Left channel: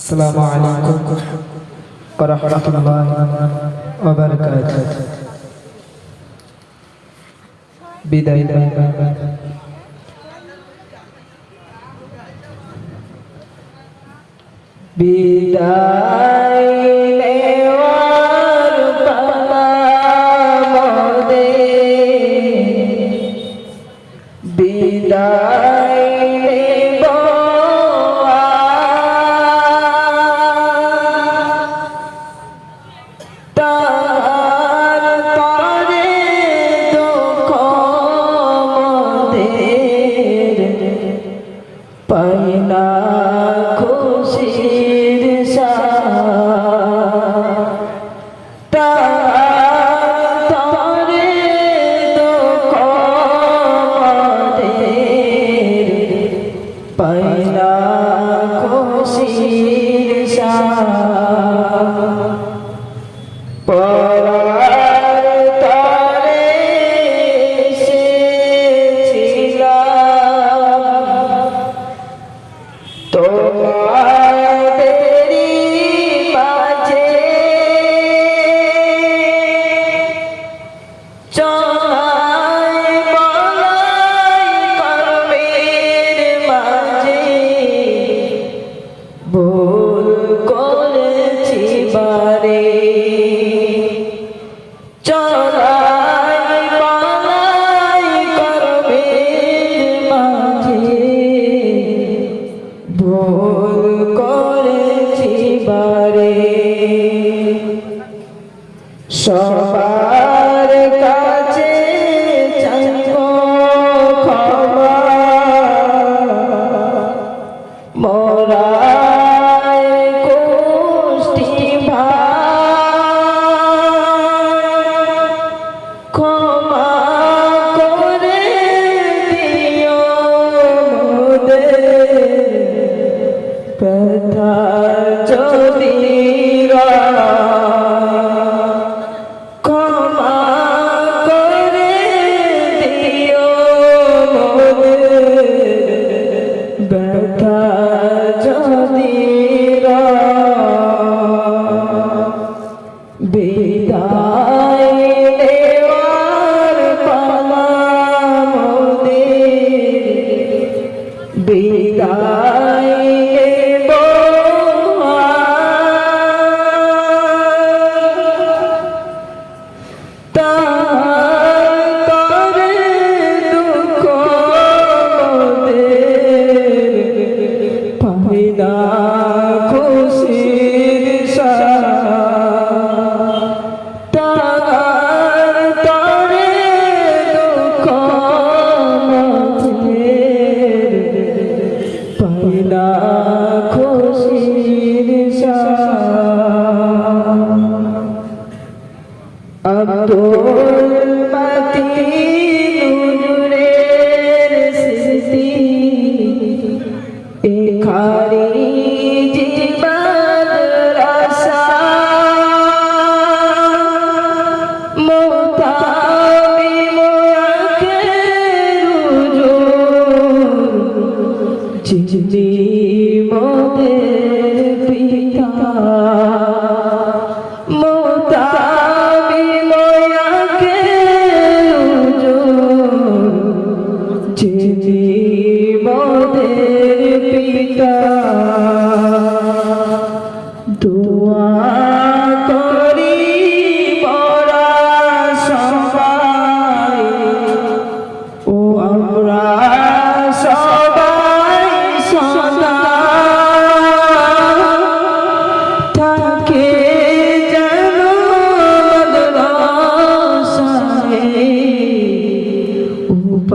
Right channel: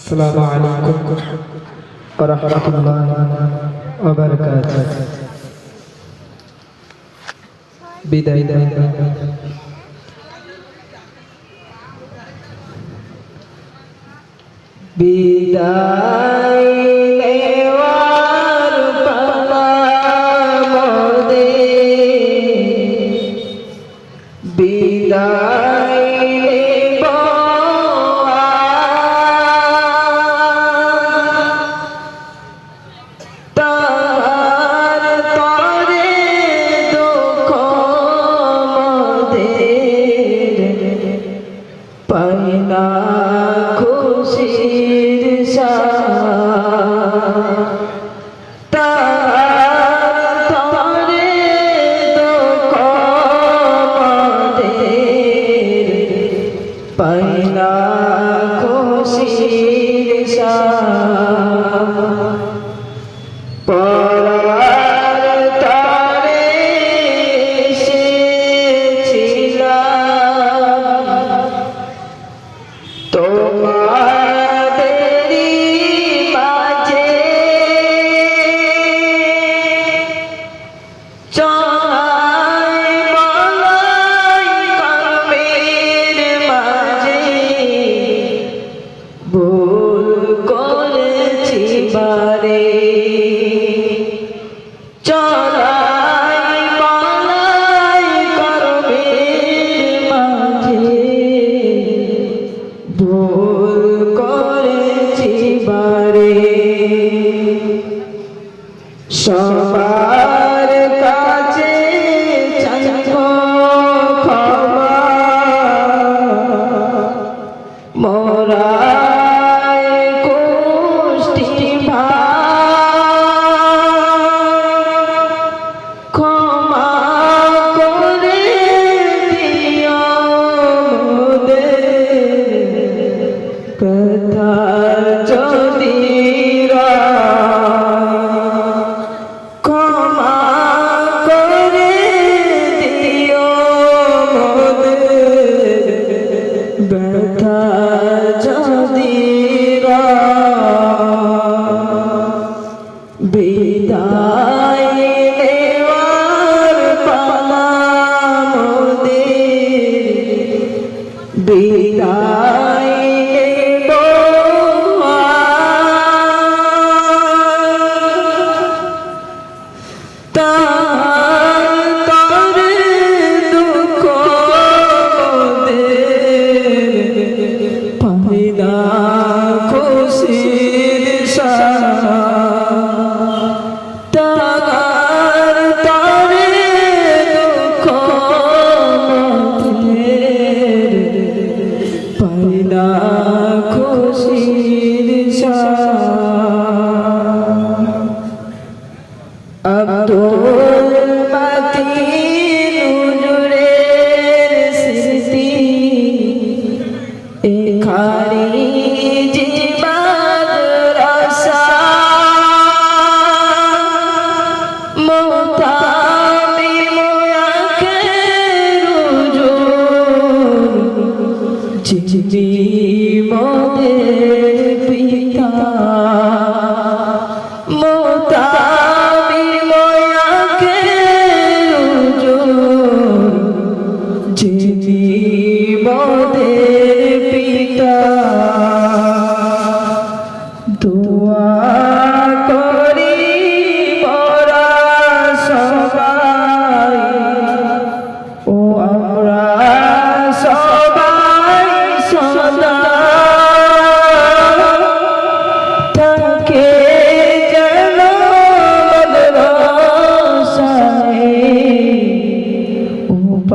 السلام عليكم ورحمة الله وبركاته. بداية. بداية. Be. 나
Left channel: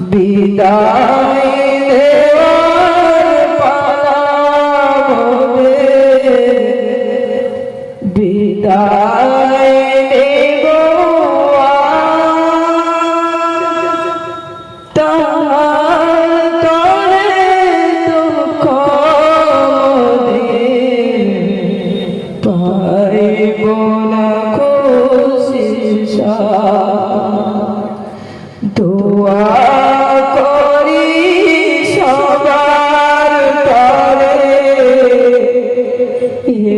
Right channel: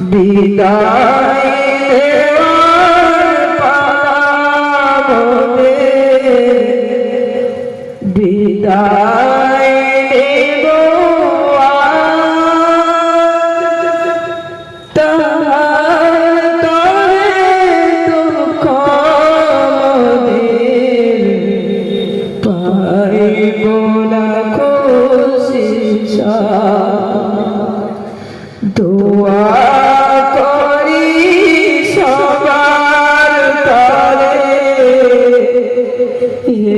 বিদায়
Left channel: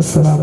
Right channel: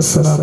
this